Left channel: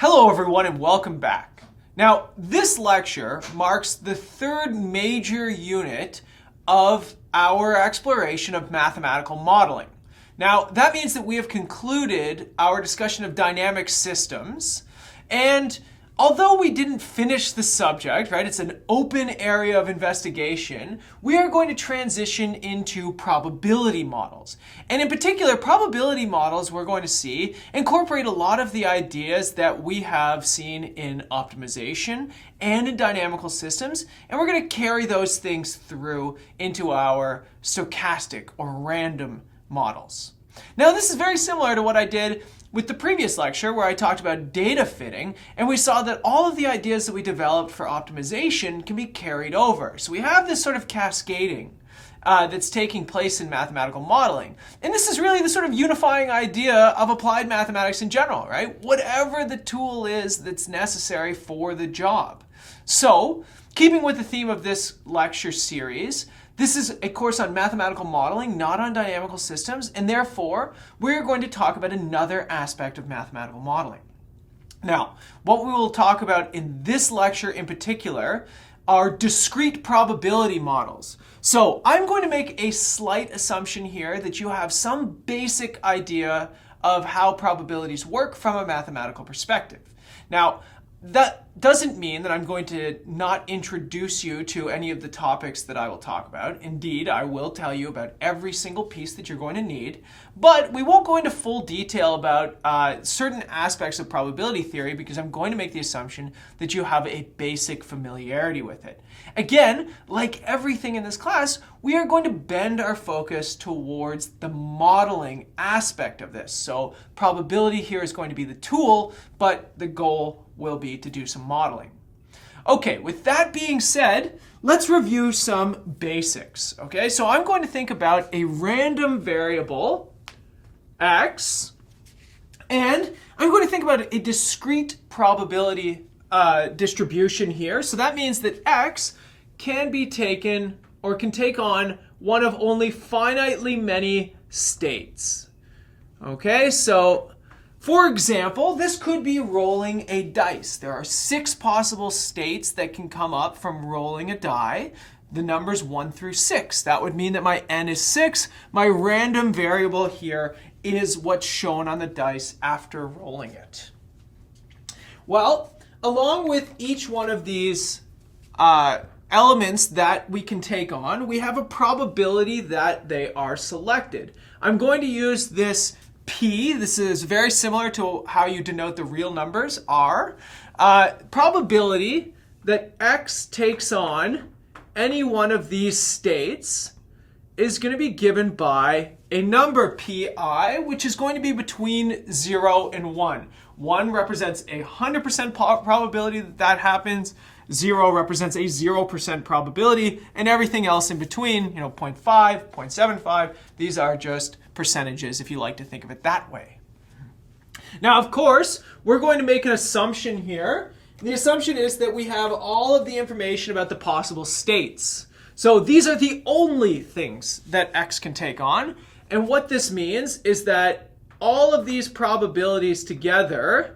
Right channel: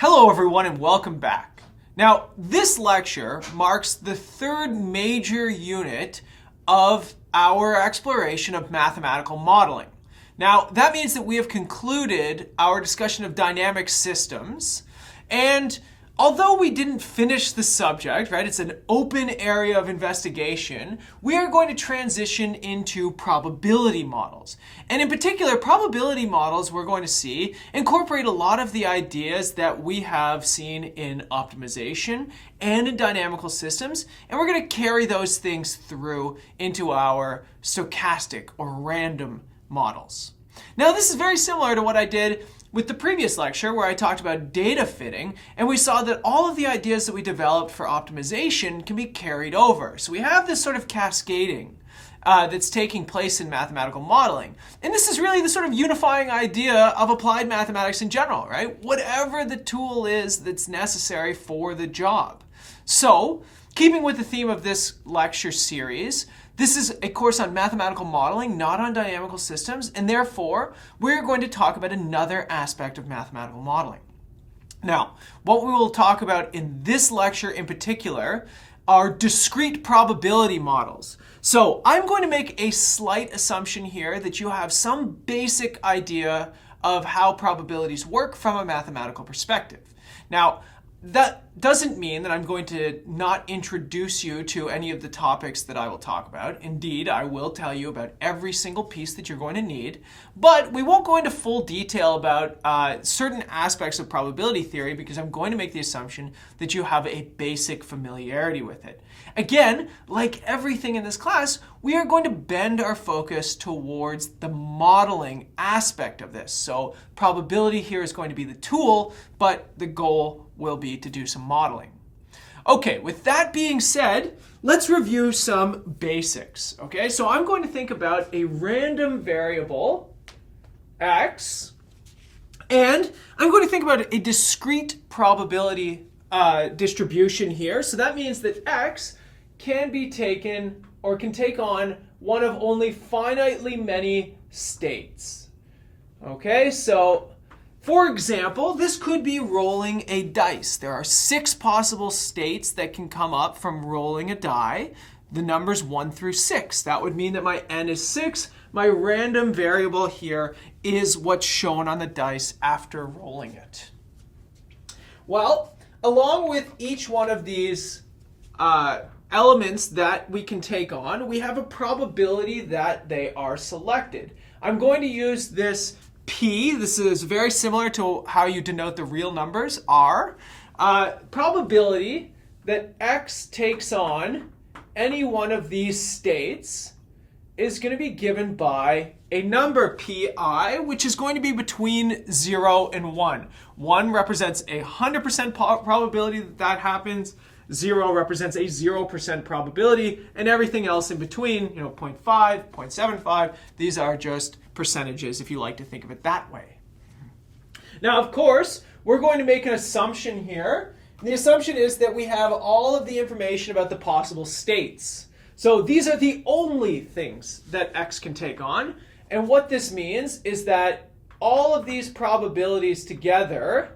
Hello everyone and welcome back. Now, this lecture marks the third major unit of our exploration of mathematical modeling. Now, that means that we have concluded our discussion of dynamic systems, and although we didn't finish the subject, right, it's an open area of investigation, we are going to transition into probability models. And in particular, probability models, we're going to see, incorporate a lot of the ideas that we have seen in optimization and in dynamical systems, and we're going to carry those things through into our stochastic or random models. Now, this is very similar to what I did with the previous lecture where I talked about data fitting, and we saw that all of the ideas that we developed for optimization can be carried over. So we have this sort of cascading that's taking place in mathematical modeling. And this is really the sort of unifying idea of applied mathematics in general, right? Whatever the tool is that's necessary for the job. So, keeping with the theme of this lecture series, this is a course on mathematical modeling, not on dynamical systems, and therefore, we're going to talk about another aspect of mathematical modeling. Now, what we will talk about in this lecture in particular are discrete probability models. So, I'm going to make a slight assumption here that you have some basic idea of how probabilities work from a mathematical perspective. Now, that doesn't mean that I'm going to not introduce you to any of the topics that I will talk about. Indeed, I will tell you about every single piece that you're going to need, but we won't go into full detail about certain aspects of probability theory because I'm going to make the assumption that you have a basic familiarity with it. Again, like everything in this class, we are going to bend our focus towards the modeling aspect of this. So probability here is going to be the tool, but the goal will be to do some modeling. Okay, with that being said, let's review some basics. Okay, so I'm going to think about a random variable, x, and I'm going to think about a discrete probability distribution here. So that means that x can be taken or can take on one of only finitely many states. Okay, so for example, this could be rolling a dice. There are 6 possible states that can come up from rolling a die. The numbers 1 through 6. That would mean that my n is 6. My random variable here is what's shown on the dice after rolling it. Well, along with each one of these elements that we can take on, we have a probability that they are selected. I'm going to use this P. This is very similar to how you denote the real numbers, R. Probability that x takes on any one of these states is going to be given by a number pi, which is going to be between 0 and 1. 1 represents a 100% probability that that happens. 0 represents a 0% probability, and everything else in between, 0.5, 0.75, these are just percentages if you like to think of it that way. Now, of course, we're going to make an assumption here. The assumption is that we have all of the information about the possible states. So these are the only things that x can take on, and what this means is that all of these probabilities together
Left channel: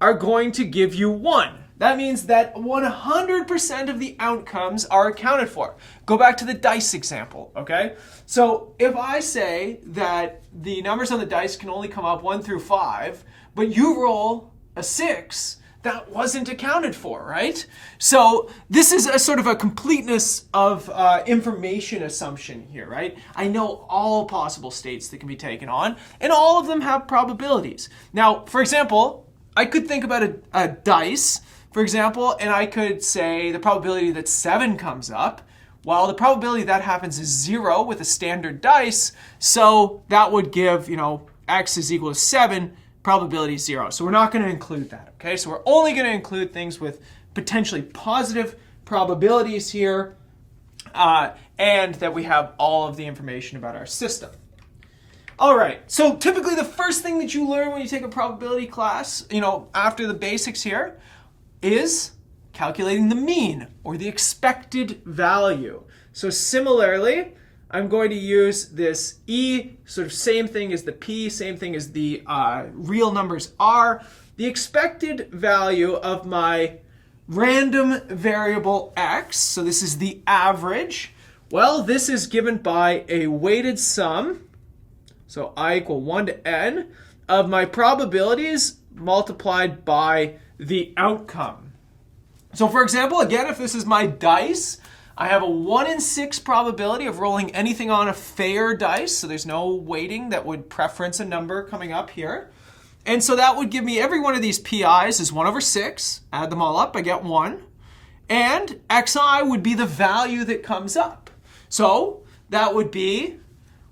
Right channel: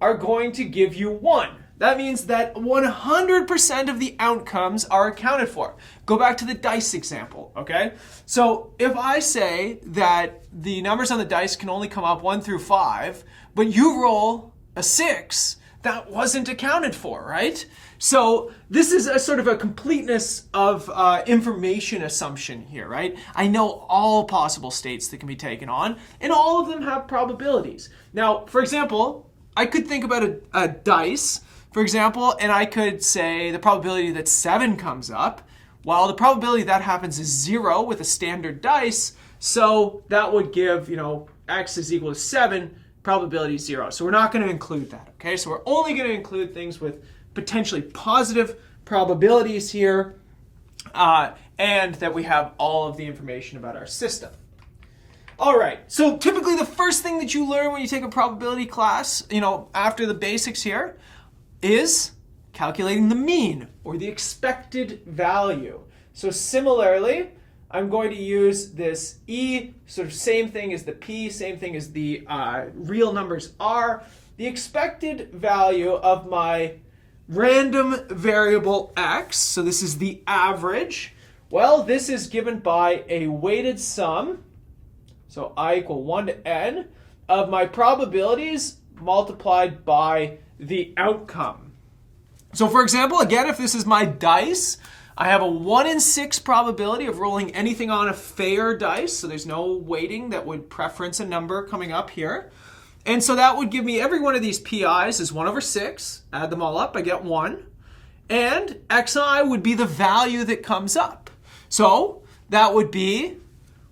are going to give you 1. That means that 100% of the outcomes are accounted for. Go back to the dice example, okay? So if I say that the numbers on the dice can only come up 1 through 5, but you roll a 6, that wasn't accounted for, right? So this is a sort of a completeness of information assumption here, right? I know all possible states that can be taken on, and all of them have probabilities. Now, for example, I could think about a dice, for example, and I could say the probability that 7 comes up. Well, the probability that happens is 0 with a standard dice, so that would give, x is equal to 7, probability 0. So we're not going to include that, okay? So we're only going to include things with potentially positive probabilities here, and that we have all of the information about our system. All right, so typically the first thing that you learn when you take a probability class, after the basics here, is calculating the mean or the expected value. So similarly, I'm going to use this E, sort of same thing as the P, same thing as the real numbers R. The expected value of my random variable X, so this is the average, well, this is given by a weighted sum, so I equal 1 to n, of my probabilities multiplied by the outcome. So for example, again, if this is my dice, I have a 1 in 6 probability of rolling anything on a fair dice, so there's no weighting that would preference a number coming up here. And so that would give me every one of these PIs is 1 over 6. Add them all up, I get 1. And XI would be the value that comes up. So that would be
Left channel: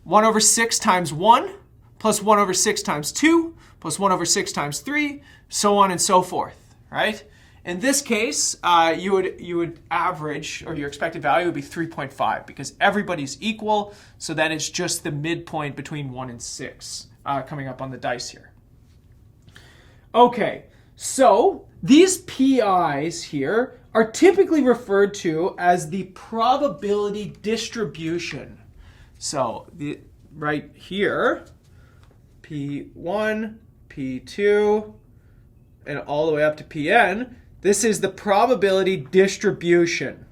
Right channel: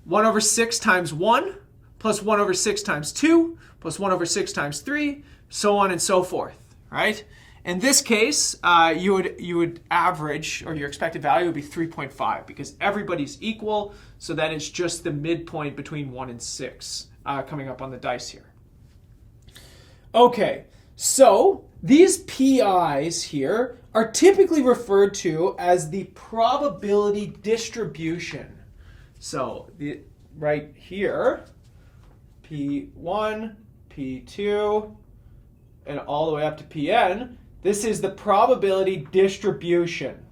1 over 6 times 1, plus 1 over 6 times 2, plus 1 over 6 times 3, so on and so forth, right? In this case, you would average, or your expected value would be 3.5 because everybody's equal, so that it's just the midpoint between 1 and 6 coming up on the dice here. Okay, so these PIs here are typically referred to as the probability distribution. So right here, P1, P2, and all the way up to Pn, this is the probability distribution.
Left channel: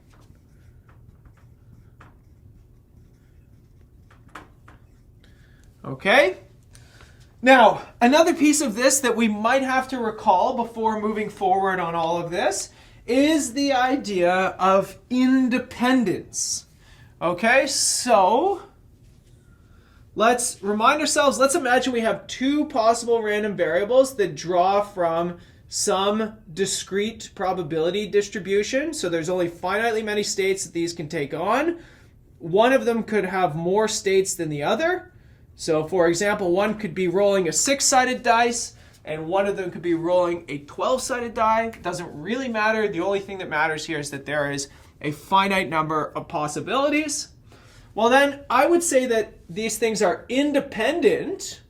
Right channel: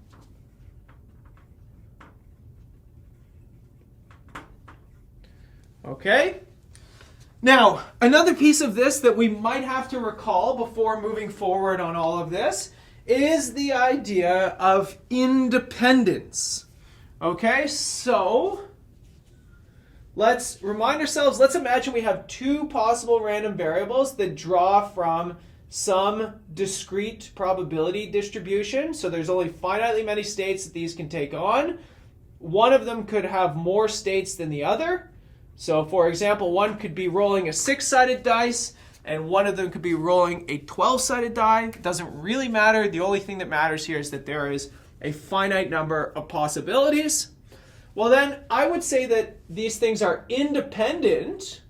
Okay? Now, another piece of this that we might have to recall before moving forward on all of this is the idea of independence. Okay, so let's remind ourselves, let's imagine we have two possible random variables that draw from some discrete probability distribution. So there's only finitely many states that these can take on. One of them could have more states than the other. So for example, one could be rolling a 6-sided dice, and one of them could be rolling a 12-sided die. It doesn't really matter. The only thing that matters here is that there is a finite number of possibilities. Well then, I would say that these things are independent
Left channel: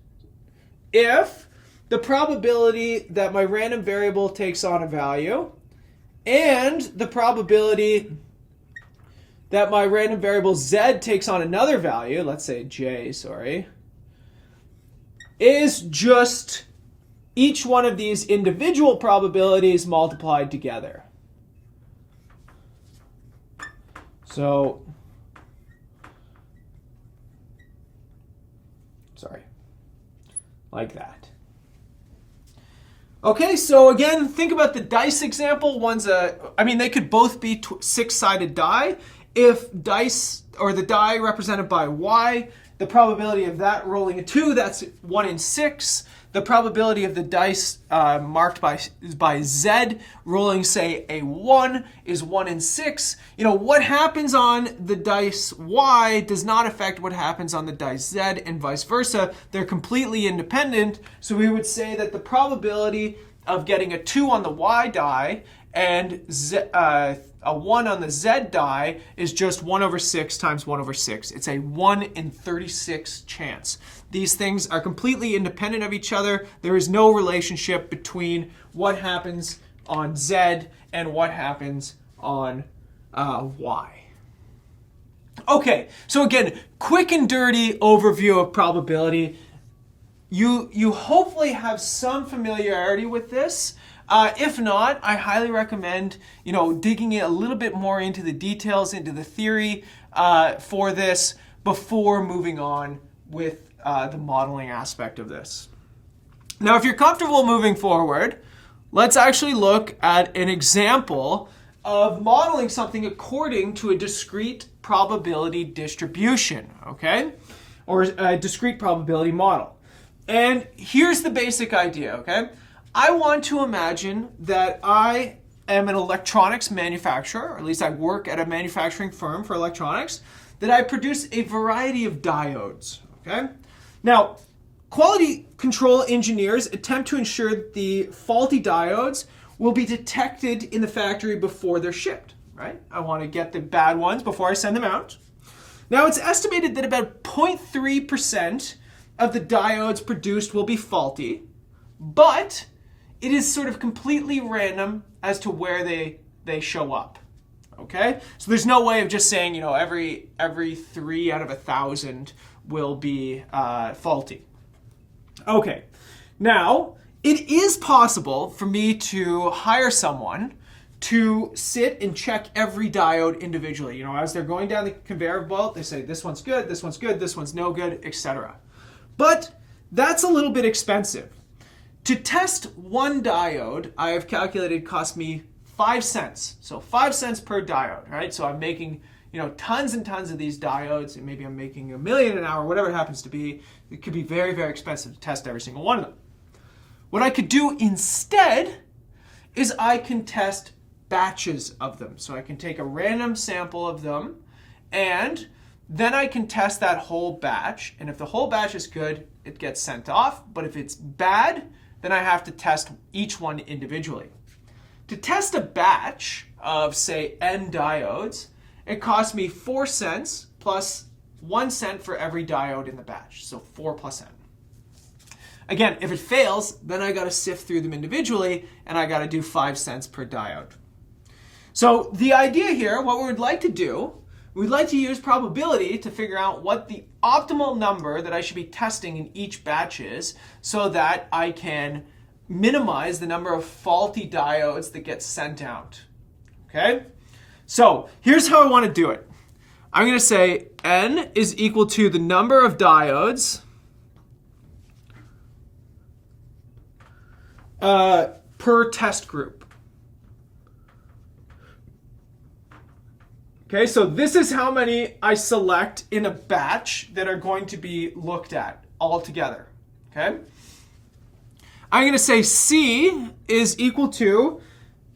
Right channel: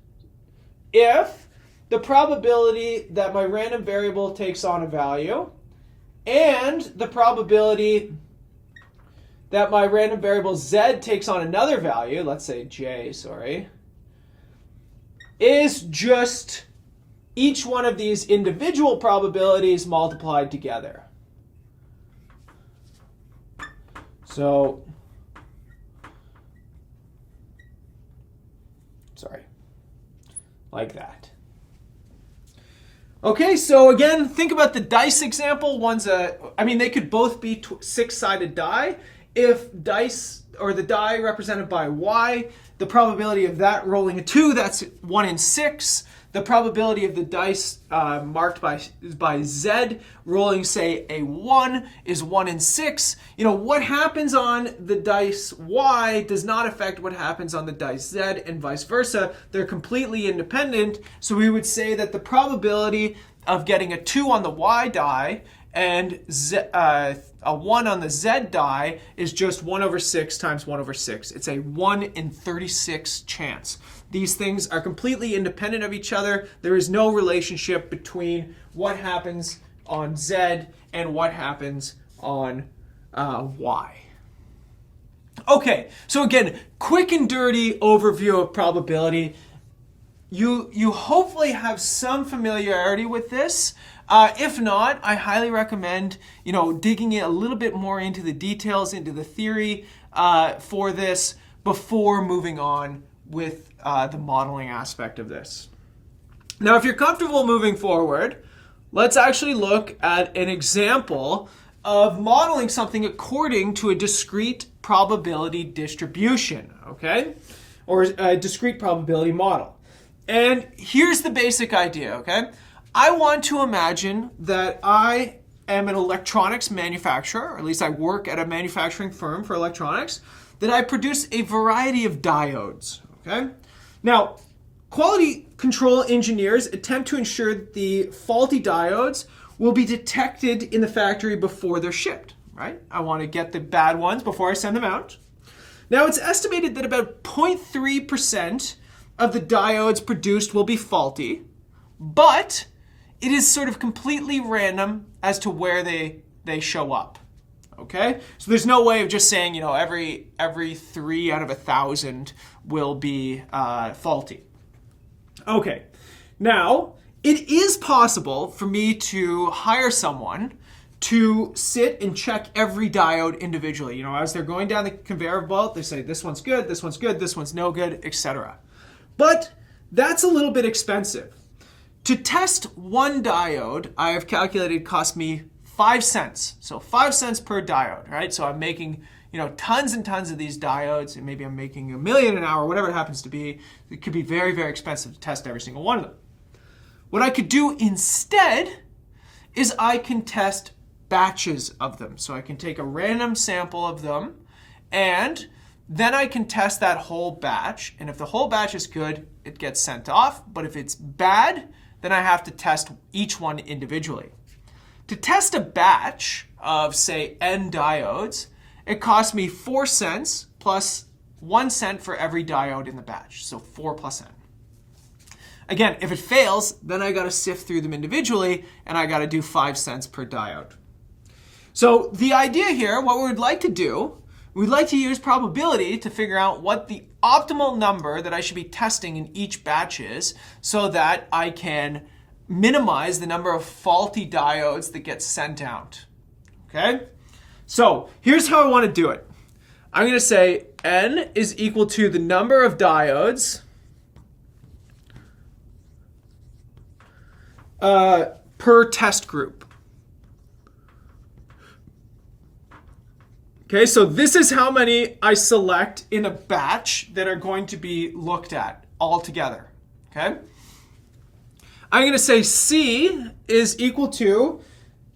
if the probability that my random variable takes on a value and the probability that my random variable z takes on another value, let's say j, is just each one of these individual probabilities multiplied together. So, like that. Okay, so again, think about the dice example. They could both be 6-sided die. If dice, or the die represented by y, the probability of that rolling a 2, that's 1 in 6. The probability of the dice marked by z rolling, say, a 1 is 1 in 6. What happens on the dice y does not affect what happens on the dice z, and vice versa. They're completely independent. So we would say that the probability of getting a 2 on the y die and a 1 on the z die is just 1 over 6 times 1 over 6. It's a 1 in 36 chance. These things are completely independent of each other. There is no relationship between what happens on z and what happens on y. Okay, so again, quick and dirty overview of probability. You hopefully have some familiarity with this. If not, I highly recommend digging a little bit more into the details, into the theory for this before moving on with the modeling aspect of this. Now, if you're comfortable moving forward, let's actually look at an example of modeling something according to a discrete probability distribution, okay? Or a discrete probability model. And here's the basic idea, okay? I want to imagine that I am an electronics manufacturer, or at least I work at a manufacturing firm for electronics, that I produce a variety of diodes, okay? Now, quality control engineers attempt to ensure that the faulty diodes will be detected in the factory before they're shipped, right? I want to get the bad ones before I send them out. Now, it's estimated that about 0.3% of the diodes produced will be faulty, but it is sort of completely random as to where they show up, okay? So there's no way of just saying, you know, every 3 out of 1,000 will be faulty. Okay, now it is possible for me to hire someone to sit and check every diode individually. You know, as they're going down the conveyor belt, they say this one's good, this one's no good, etc. But that's a little bit expensive. To test one diode, I have calculated cost me 5 cents. So 5 cents per diode, right? So I'm making, you know, tons and tons of these diodes, and maybe I'm making 1 million an hour, whatever it happens to be. It could be very, very expensive to test every single one of them. What I could do instead is I can test batches of them. So I can take a random sample of them, and then I can test that whole batch. And if the whole batch is good, it gets sent off. But if it's bad, then I have to test each one individually. To test a batch of, say, N diodes, it costs me 4 cents plus 1 cent for every diode in the batch. So 4 plus N. Again, if it fails, then I got to sift through them individually, and I got to do 5 cents per diode. So the idea here, what we would like to do, we'd like to use probability to figure out what the optimal number that I should be testing in each batch is, so that I can minimize the number of faulty diodes that get sent out. Okay? So here's how I want to do it. I'm going to say N is equal to the number of diodes per test group. Okay, so this is how many I select in a batch that are going to be looked at all together. Okay? I'm going to say C is equal to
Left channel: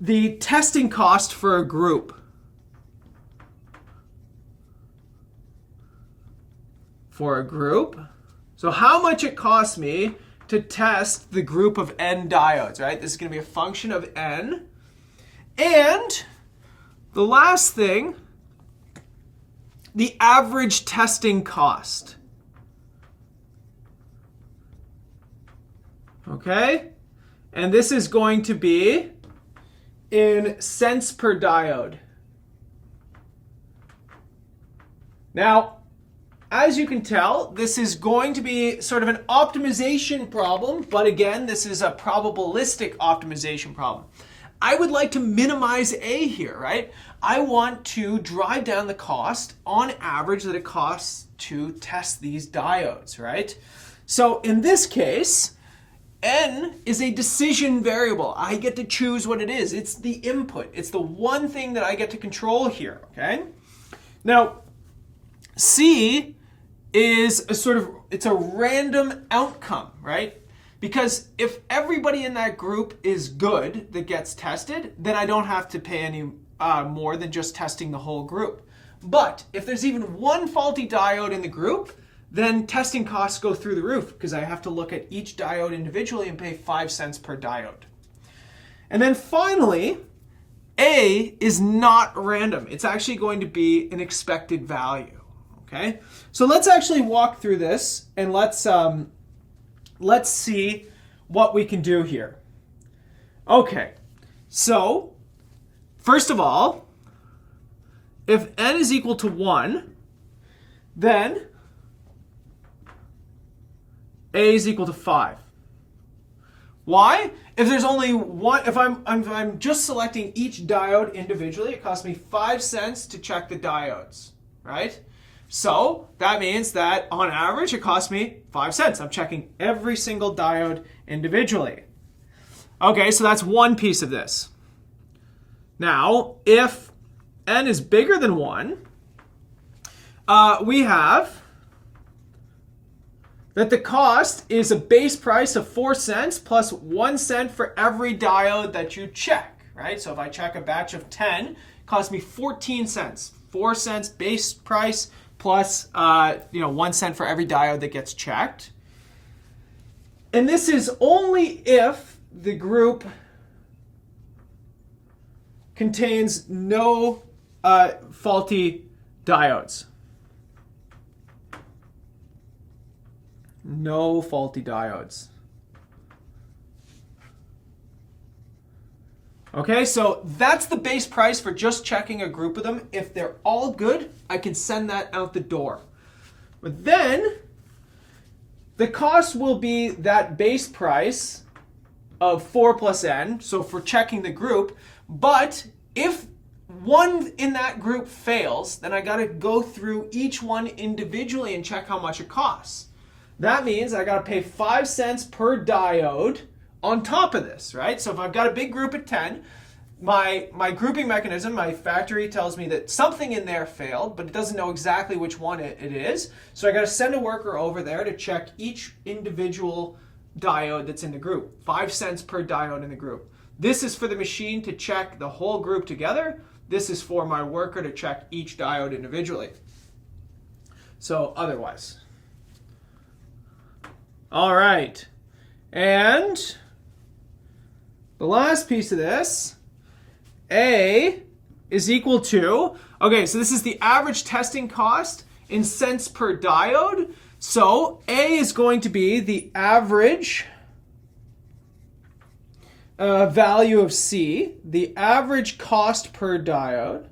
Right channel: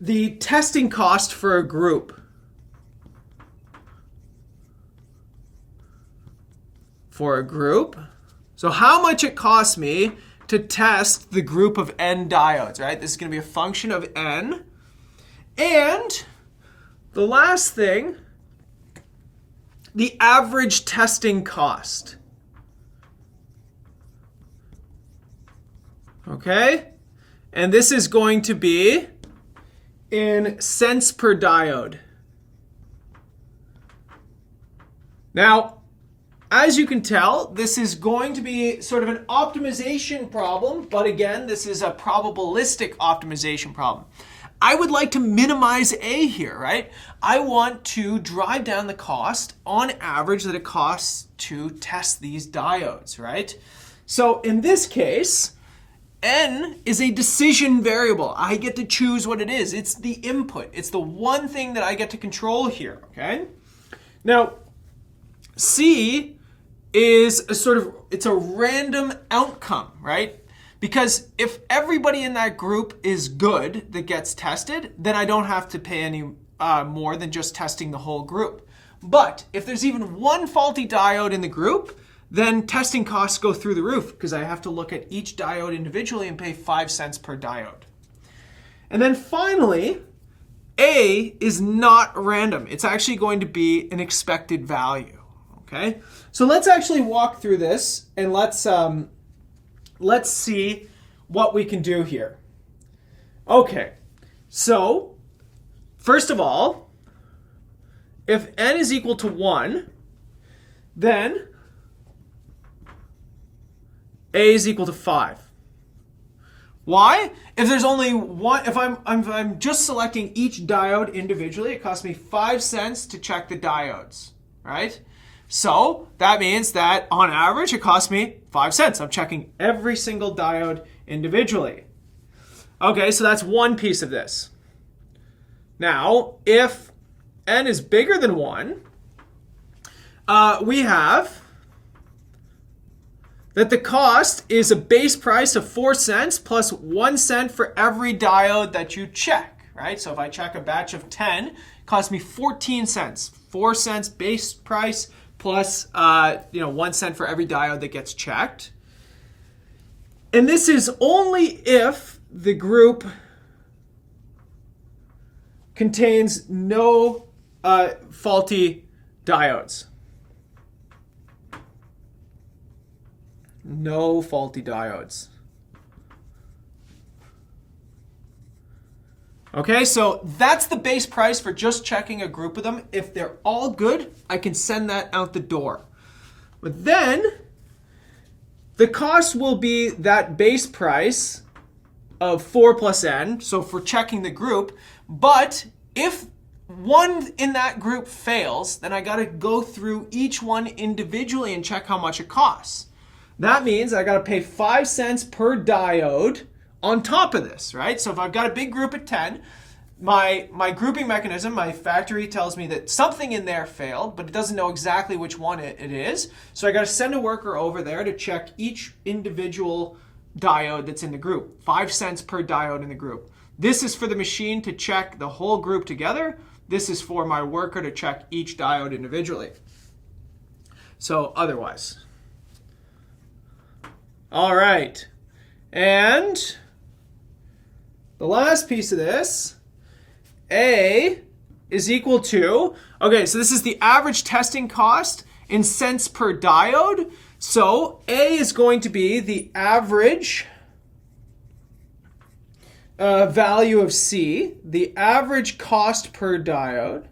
the testing cost for a group. For a group. So how much it costs me to test the group of N diodes, right? This is going to be a function of N. And the last thing, the average testing cost. Okay? And this is going to be in cents per diode. Now, as you can tell, this is going to be sort of an optimization problem, but again, this is a probabilistic optimization problem. I would like to minimize A here, right? I want to drive down the cost on average that it costs to test these diodes, right? So in this case, N is a decision variable. I get to choose what it is. It's the input. It's the one thing that I get to control here, okay? Now, C is it's a random outcome, right? Because if everybody in that group is good that gets tested, then I don't have to pay any more than just testing the whole group. But if there's even one faulty diode in the group, then testing costs go through the roof because I have to look at each diode individually and pay 5 cents per diode. And then finally, A is not random. It's actually going to be an expected value. Okay? So let's actually walk through this and let's see what we can do here. Okay, so first of all, if N is equal to 1, then A is equal to 5. Why? If there's only one, if I'm just selecting each diode individually, it costs me 5 cents to check the diodes, right? So that means that on average it costs me 5 cents. I'm checking every single diode individually. Okay, so that's one piece of this. Now, if N is bigger than 1, we have that the cost is a base price of 4 cents plus 1 cent for every diode that you check, right? So if I check a batch of 10, it costs me 14 cents. 4 cents base price plus 1 cent for every diode that gets checked. And this is only if the group contains no faulty diodes. No faulty diodes. Okay, so that's the base price for just checking a group of them. If they're all good, I can send that out the door. But then the cost will be that base price of 4 plus n, so for checking the group. But if one in that group fails, then I got to go through each one individually and check how much it costs. That means I got to pay 5 cents per diode on top of this, right? So if I've got a big group of 10, my grouping mechanism, my factory tells me that something in there failed, but it doesn't know exactly which one it is. So I got to send a worker over there to check each individual diode that's in the group. 5 cents per diode in the group. This is for the machine to check the whole group together. This is for my worker to check each diode individually. So otherwise. All right. And the last piece of this, A is equal to, okay, so this is the average testing cost in cents per diode. So A is going to be the average value of C, the average cost per diode,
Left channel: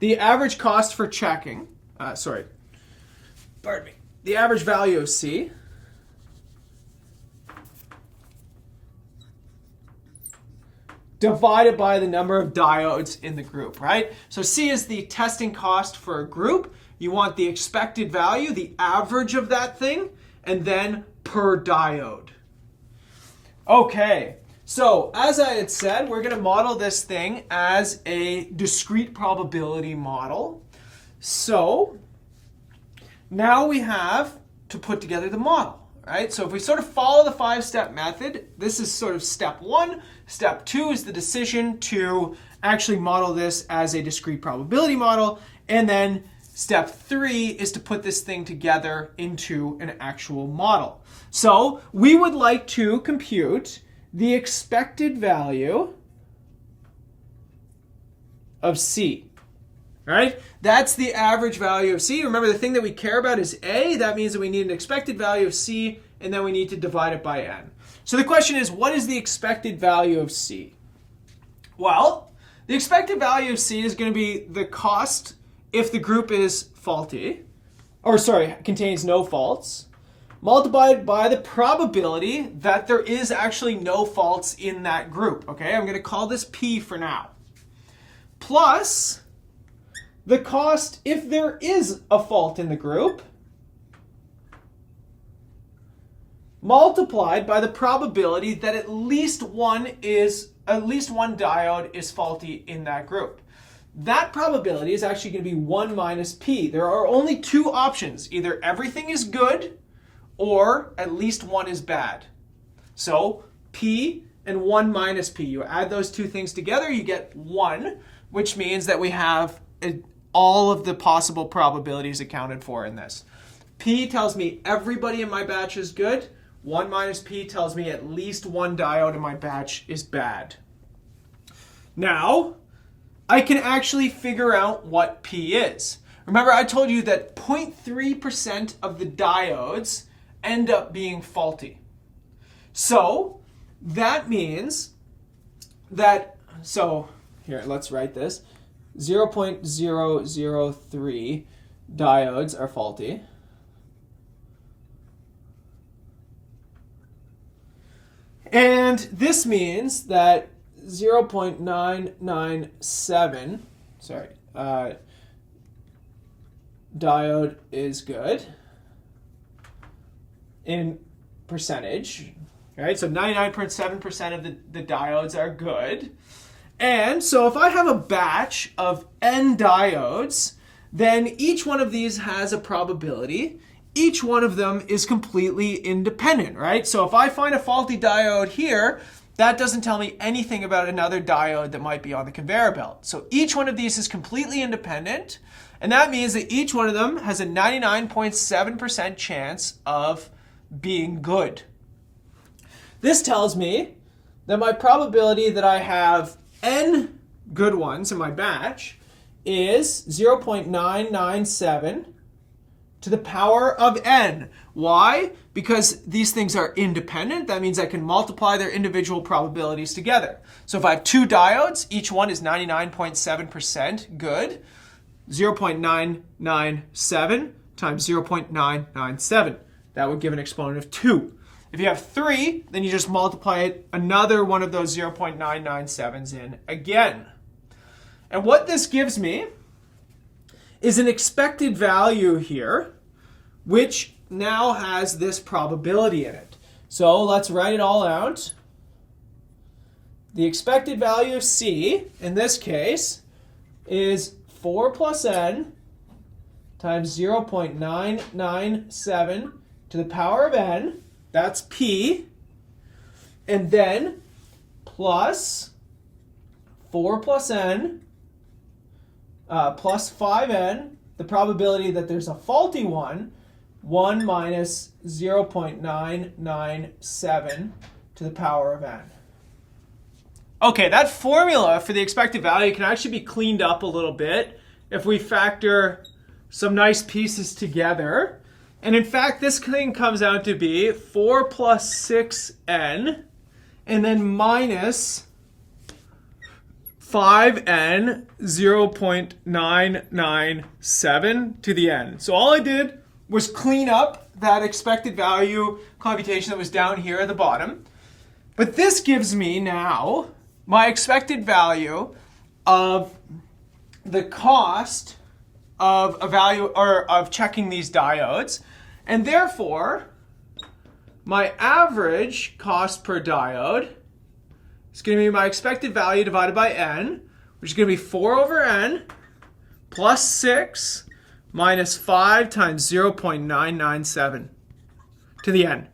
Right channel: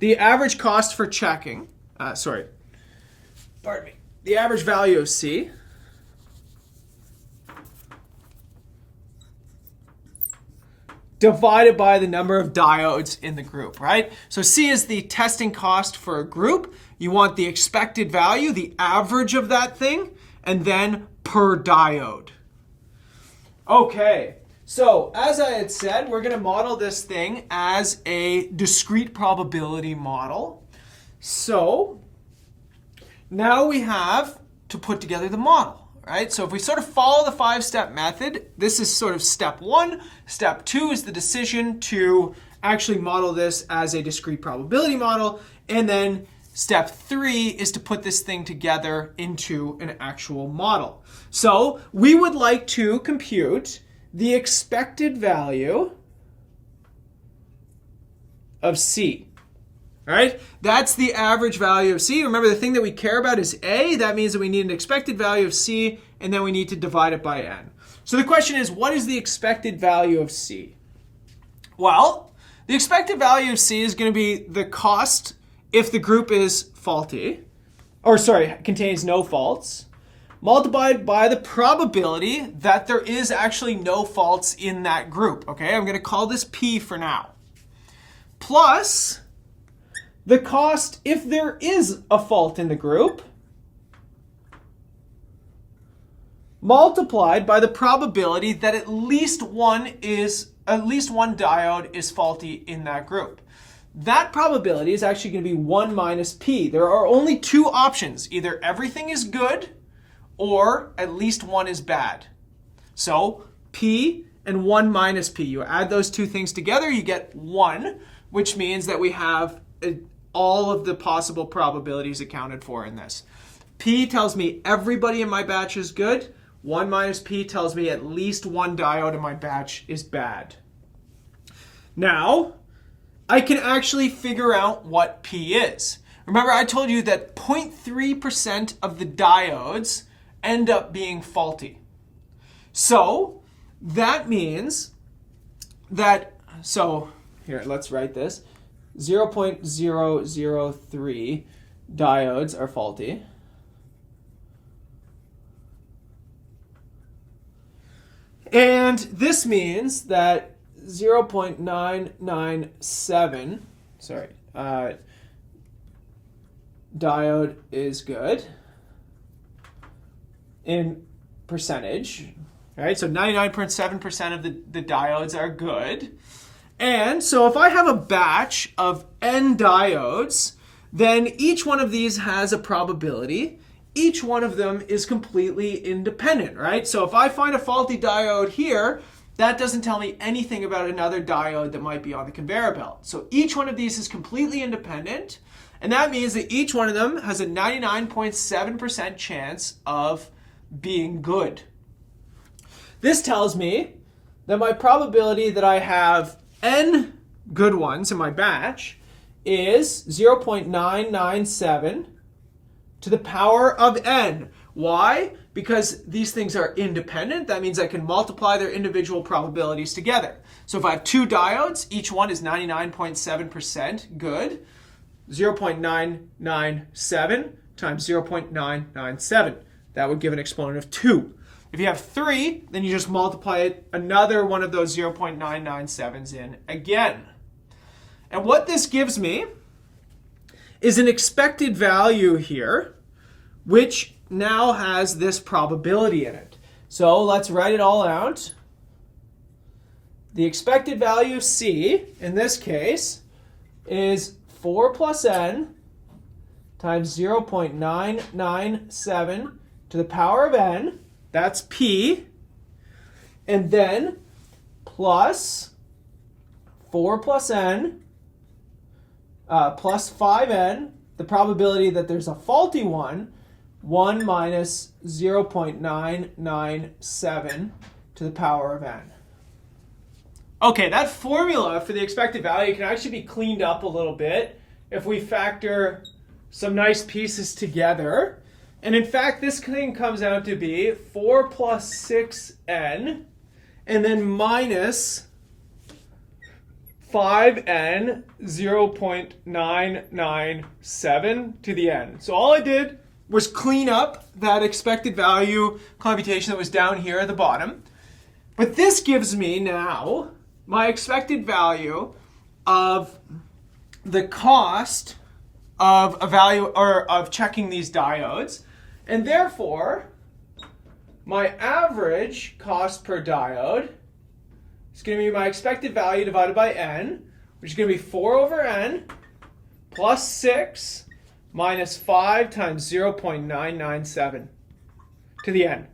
the average cost for checking, pardon me, the average value of C, divided by the number of diodes in the group, right? So C is the testing cost for a group. You want the expected value, the average of that thing, and then per diode. Okay, so as I had said, we're going to model this thing as a discrete probability model. So now we have to put together the model. Right? So if we sort of follow the 5-step method, this is sort of step 1. Step 2 is the decision to actually model this as a discrete probability model. And then step 3 is to put this thing together into an actual model. So we would like to compute the expected value of C. Right? That's the average value of C. Remember, the thing that we care about is A. That means that we need an expected value of C, and then we need to divide it by n. So the question is, what is the expected value of C? Well, the expected value of C is going to be the cost if the group is faulty, or sorry, contains no faults, multiplied by the probability that there is actually no faults in that group. Okay, I'm going to call this P for now. Plus the cost if there is a fault in the group, multiplied by the probability that at least one diode is faulty in that group. That probability is actually going to be 1 minus P. There are only two options. Either everything is good or at least one is bad. So P and 1 minus P. You add those two things together, you get 1, which means that we have all of the possible probabilities accounted for in this. P tells me everybody in my batch is good. 1 minus P tells me at least one diode in my batch is bad. Now, I can actually figure out what P is. Remember, I told you that 0.3% of the diodes end up being faulty. So that means that, so here, let's write this. 0.003 diodes are faulty. And this means that 0.997, diode is good in percentage, right? So 99.7% of the diodes are good. And so if I have a batch of n diodes, then each one of these has a probability. Each one of them is completely independent, right? So if I find a faulty diode here, that doesn't tell me anything about another diode that might be on the conveyor belt. So each one of these is completely independent, and that means that each one of them has a 99.7% chance of being good. This tells me that my probability that I have n good ones in my batch is 0.997 to the power of n, Why? Because these things are independent. That means I can multiply their individual probabilities together. So if I have two diodes, each one is 99.7% good. 0.997 times 0.997. That would give an exponent of 2. If you have 3, then you just multiply it another one of those 0.997s in again. And what this gives me is an expected value here, which now has this probability in it. So let's write it all out. The expected value of C, in this case, is 4 plus n times 0.997 to the power of n. That's P. And then plus 4 plus n plus 5n, the probability that there's a faulty one, 1 minus 0.997 to the power of n. Okay, that formula for the expected value can actually be cleaned up a little bit if we factor some nice pieces together. And in fact, this thing comes out to be 4 plus 6n and then minus 5n 0.997 to the n. So all I did was clean up that expected value computation that was down here at the bottom. But this gives me now my expected value of the cost of a value or of checking these diodes. And therefore, my average cost per diode is going to be my expected value divided by n, which is going to be 4 over n plus 6 minus 5 times 0.997 to the n.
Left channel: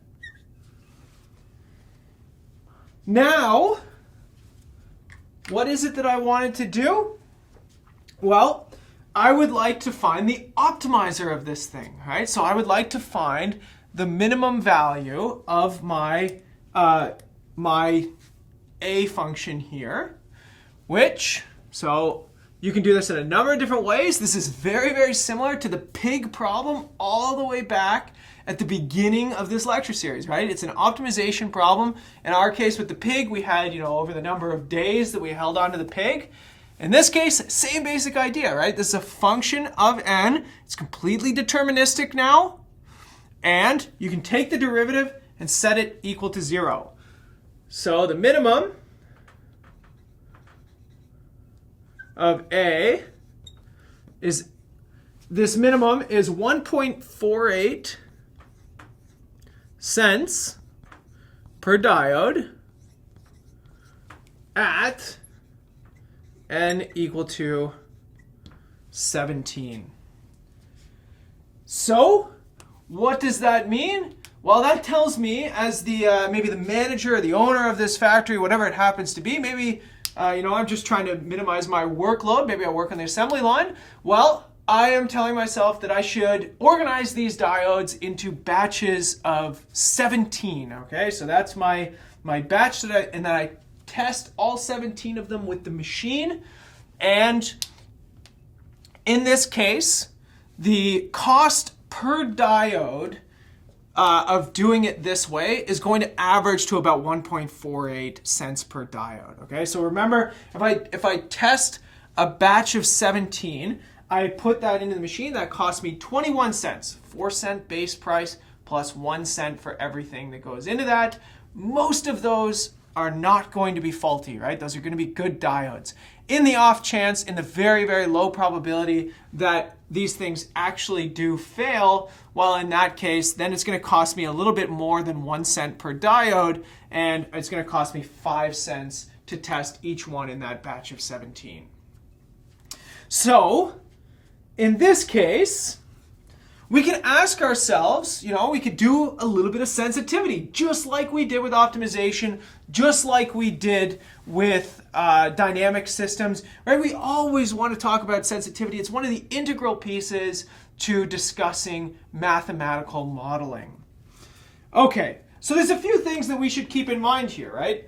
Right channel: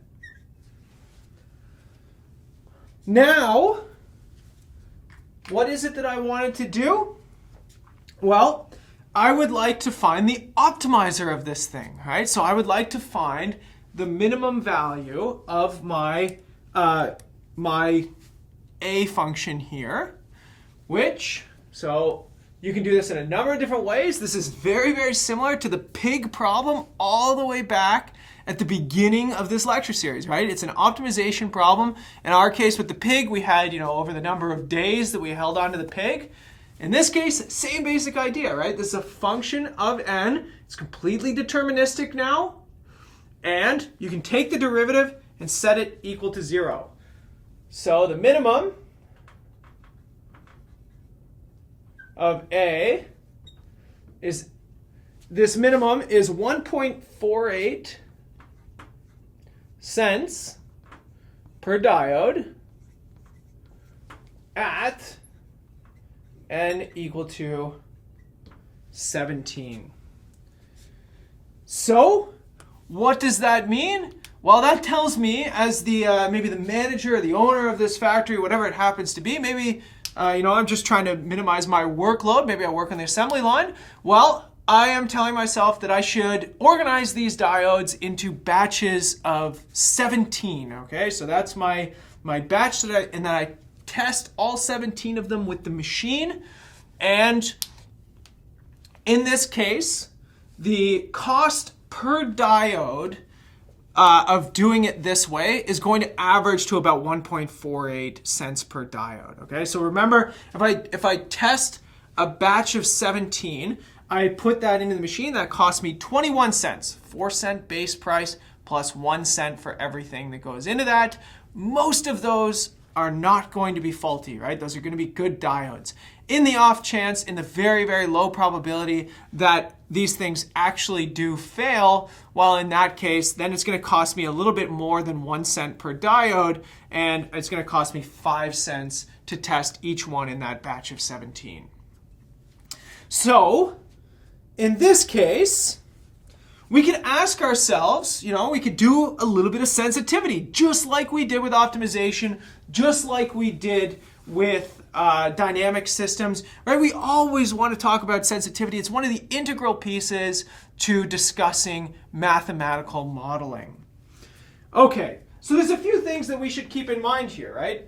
Now, what is it that I wanted to do? Well, I would like to find the optimizer of this thing, right? So I would like to find the minimum value of my my A function here, which, so you can do this in a number of different ways. This is very, very similar to the pig problem all the way back at the beginning of this lecture series, right? It's an optimization problem. In our case with the pig, we had, over the number of days that we held on to the pig. In this case, same basic idea, right? This is a function of n. It's completely deterministic now. And you can take the derivative and set it equal to 0. So the minimum of A is, this minimum is 1.48 cents per diode at n equal to 17. So what does that mean? Well, that tells me as the maybe the manager or the owner of this factory, whatever it happens to be, maybe I'm just trying to minimize my workload. Maybe I work on the assembly line. Well, I am telling myself that I should organize these diodes into batches of 17. Okay, so that's my batch and then I test all 17 of them with the machine. And in this case, the cost per diode of doing it this way is going to average to about 1.48 cents per diode. Okay, so remember, if I test a batch of 17, I put that into the machine. That cost me 21 cents, 4-cent base price plus 1 cent for everything that goes into that. Most of those are not going to be faulty, right? Those are going to be good diodes. In the off chance, in the very, very low probability that these things actually do fail, well, in that case, then it's going to cost me a little bit more than 1 cent per diode, and it's going to cost me 5 cents to test each one in that batch of 17. So, in this case, we can ask ourselves, we could do a little bit of sensitivity, just like we did with optimization, just like we did with dynamic systems, right? We always want to talk about sensitivity. It's one of the integral pieces to discussing mathematical modeling. Okay, so there's a few things that we should keep in mind here, right?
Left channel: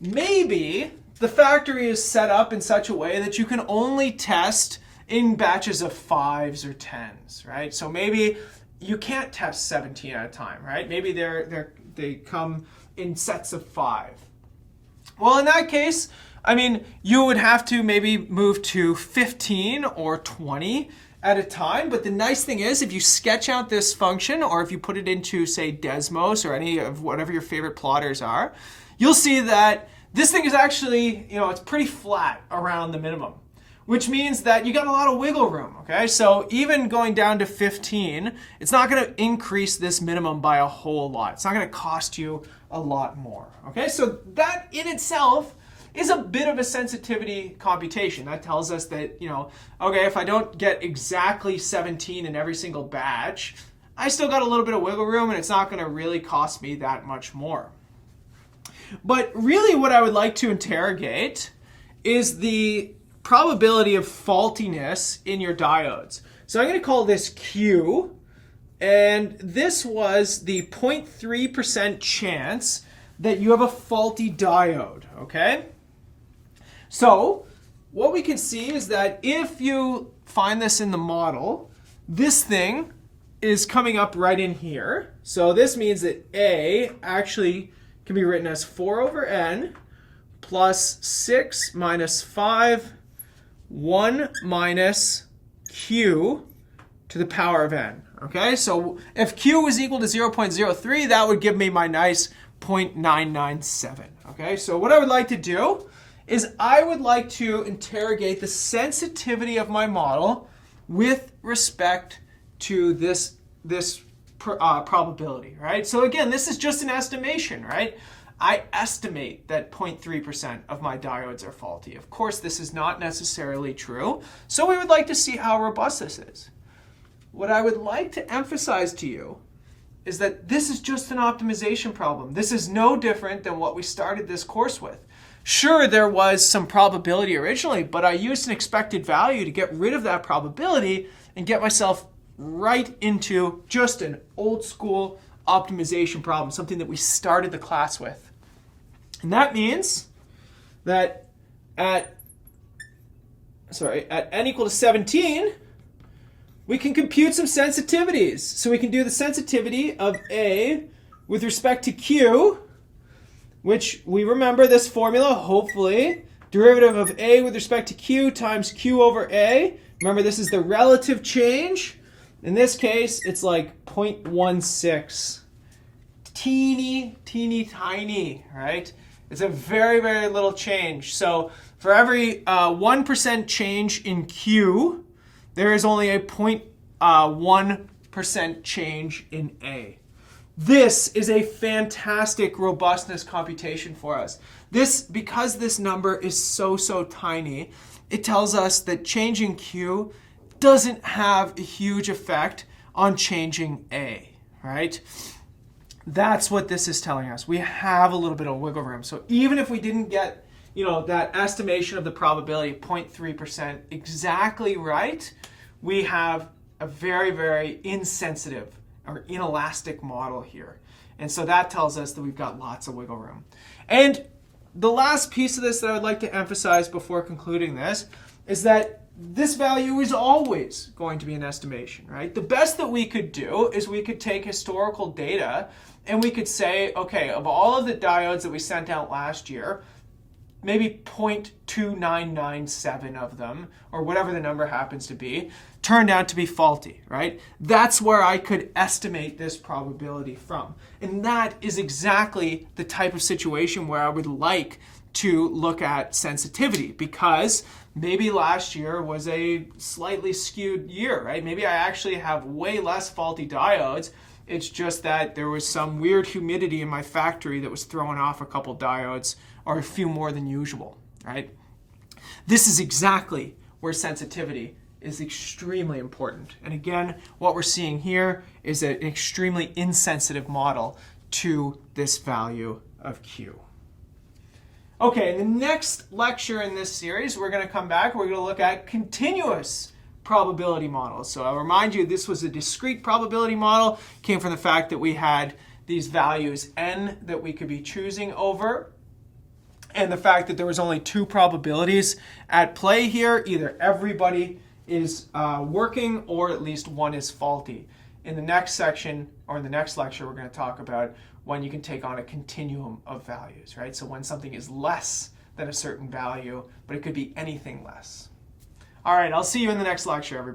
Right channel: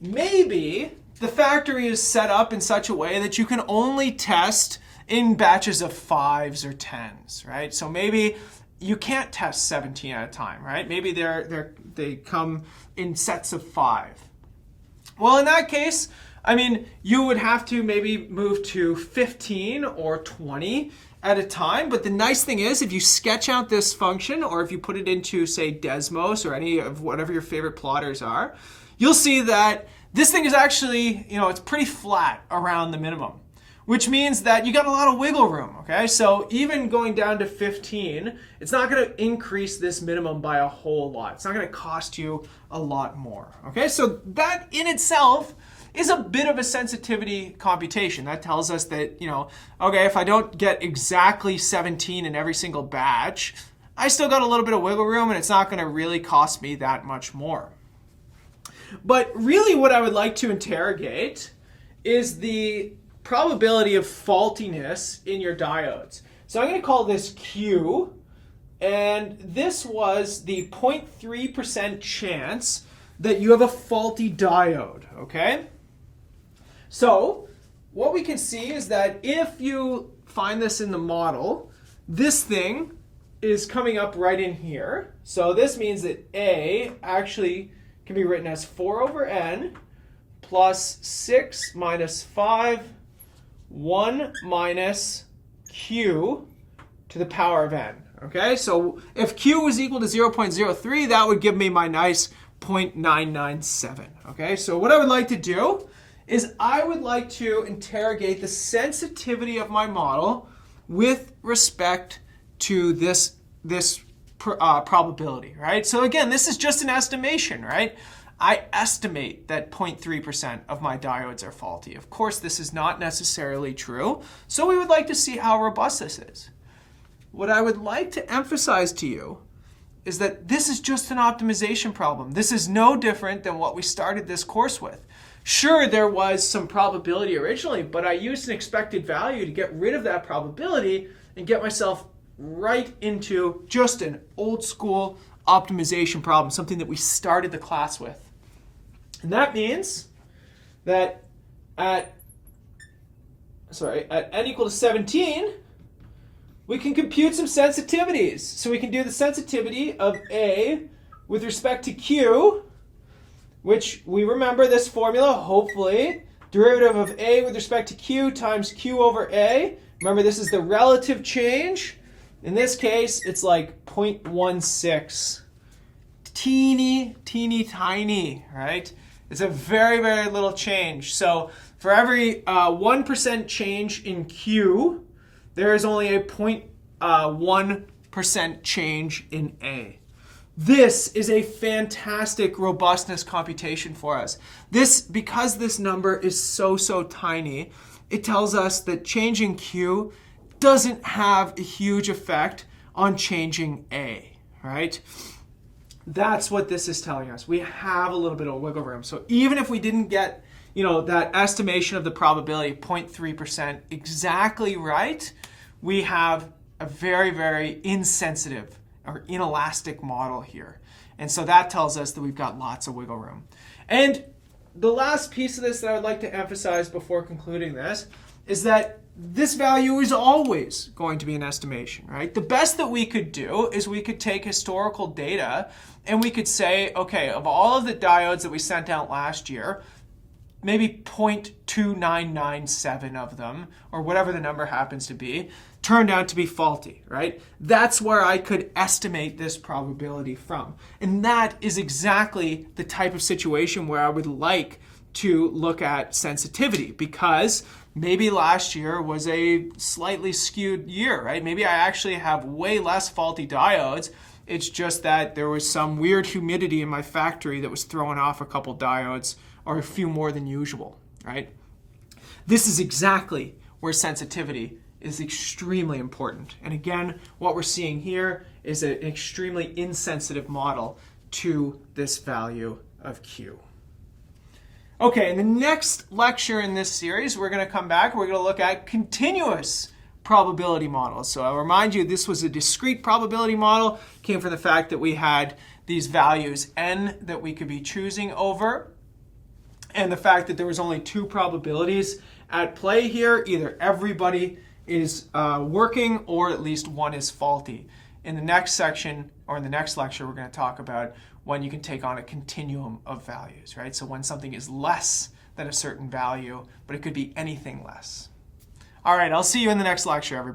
Maybe the factory is set up in such a way that you can only test in batches of 5s or 10s, right? So maybe you can't test 17 at a time, right? Maybe they come in sets of 5. Well, in that case, I mean, you would have to maybe move to 15 or 20 at a time. But the nice thing is, if you sketch out this function, or if you put it into, say, Desmos or any of whatever your favorite plotters are, you'll see that this thing is actually, it's pretty flat around the minimum, which means that you got a lot of wiggle room, okay? So even going down to 15, it's not going to increase this minimum by a whole lot. It's not going to cost you a lot more, okay? So that in itself is a bit of a sensitivity computation. That tells us that, okay, if I don't get exactly 17 in every single batch, I still got a little bit of wiggle room, and it's not going to really cost me that much more. But really what I would like to interrogate is the probability of faultiness in your diodes. So I'm going to call this Q, and this was the 0.3% chance that you have a faulty diode, okay? So what we can see is that if you find this in the model, this thing is coming up right in here. So this means that A actually can be written as 4 over n plus 6 minus 5, 1 minus q to the power of n. Okay, so if q was equal to 0.03, that would give me my nice 0.997. Okay, so what I would like to do is I would like to interrogate the sensitivity of my model with respect to this probability, right? So again, this is just an estimation, right? I estimate that 0.3% of my diodes are faulty. Of course, this is not necessarily true, so we would like to see how robust this is. What I would like to emphasize to you is that this is just an optimization problem. This is no different than what we started this course with. Sure, there was some probability originally, but I used an expected value to get rid of that probability and get myself right into just an old school optimization problem, something that we started the class with. And that means that at n equal to 17, we can compute some sensitivities. So we can do the sensitivity of A with respect to Q, which we remember this formula, hopefully. Derivative of A with respect to Q times Q over A. Remember, this is the relative change. In this case, it's like 0.16. Teeny, teeny, tiny, right? It's a very, very little change. So for every 1% change in Q, there is only a 0.1% change in A. This is a fantastic robustness computation for us. Because this number is so tiny, it tells us that changing Q doesn't have a huge effect on changing A, right? That's what this is telling us. We have a little bit of wiggle room. So even if we didn't get, that estimation of the probability, 0.3% exactly right, we have a very, very insensitive or inelastic model here. And so that tells us that we've got lots of wiggle room. And the last piece of this that I'd like to emphasize before concluding this is that this value is always going to be an estimation, right? The best that we could do is we could take historical data and we could say, okay, of all of the diodes that we sent out last year, maybe 0.2997 of them, or whatever the number happens to be, turned out to be faulty, right? That's where I could estimate this probability from. And that is exactly the type of situation where I would like to look at sensitivity, because maybe last year was a slightly skewed year, right? Maybe I actually have way less faulty diodes. It's just that there was some weird humidity in my factory that was throwing off a couple diodes, or a few more than usual, right? This is exactly where sensitivity is extremely important. And again, what we're seeing here is an extremely insensitive model to this value of Q. Okay, in the next lecture in this series, we're going to come back. We're going to look at continuous probability models. So I'll remind you, this was a discrete probability model. Came from the fact that we had these values n that we could be choosing over, and the fact that there was only two probabilities at play here. Either everybody is working or at least one is faulty. In the next section, or in the next lecture, we're going to talk about when you can take on a continuum of values, right? So when something is less than a certain value, but it could be anything less. All right, I'll see you in the next lecture, everybody.